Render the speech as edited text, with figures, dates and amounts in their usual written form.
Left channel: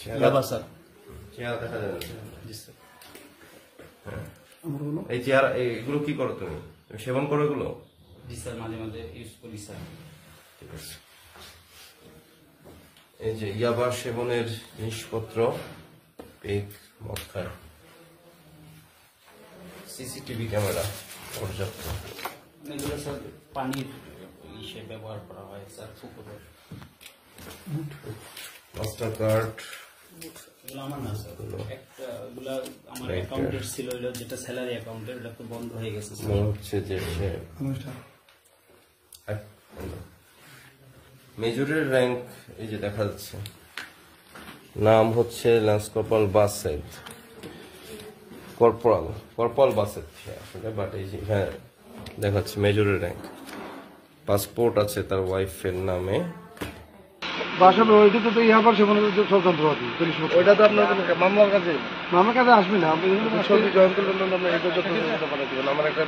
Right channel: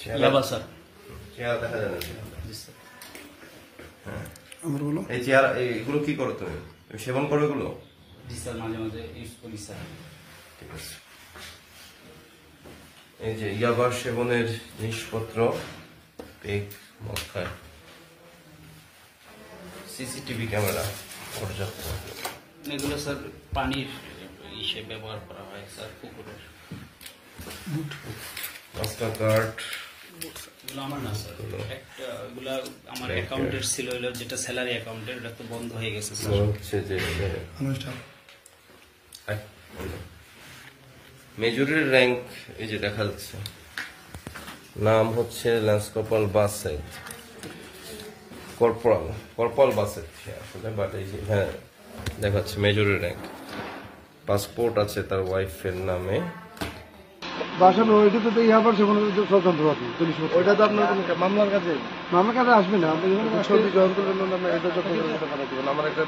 Sir চেহারা দেখা যায় না। জি স্যার। এই চেহারা এগুলো কি করো তুমি সেবন করো এগুলো? জি স্যার মাঝে মাঝে ইউজ করি স্যার। ঠিক আছে। এই যে ইয়াবা সেবনের জিনিসপত্র, পেক, মক্কার সিসিটিভি ক্যামেরা পর্যাপ্ত। এগুলো স্যার পানির হিসেবে ব্যবহার করা হয় স্যার পুকুরের। মাস্টার কার্ড এগুলো আমার না স্যার, একটা এগুলো আমার অ্যাকাউন্টের ছিল, হলো যেটা স্যালারি অ্যাকাউন্টের, ওটা তো বন্ধ হয়ে গেছে স্যার। হচ্ছে যে মেজরের র্যাঙ্ক এই যে দেখা যাচ্ছে, নাম হচ্ছে lance corporal Based, corporal Based আসলে, বাট এই যে এখানে দেখাচ্ছে মেজরের র্যাঙ্ক। পাসপোর্ট আছে তার ওয়াইফের নামে। ওইটা তো ইয়াবার সেখানে স্বতন্ত্র আছে, ওইটা তো আপনার মামলার কাছে আসবে না। আপনি ছবি জয়েন করবেন, আপনার এটা যত পাঠাতে দেবেন। আমার একটা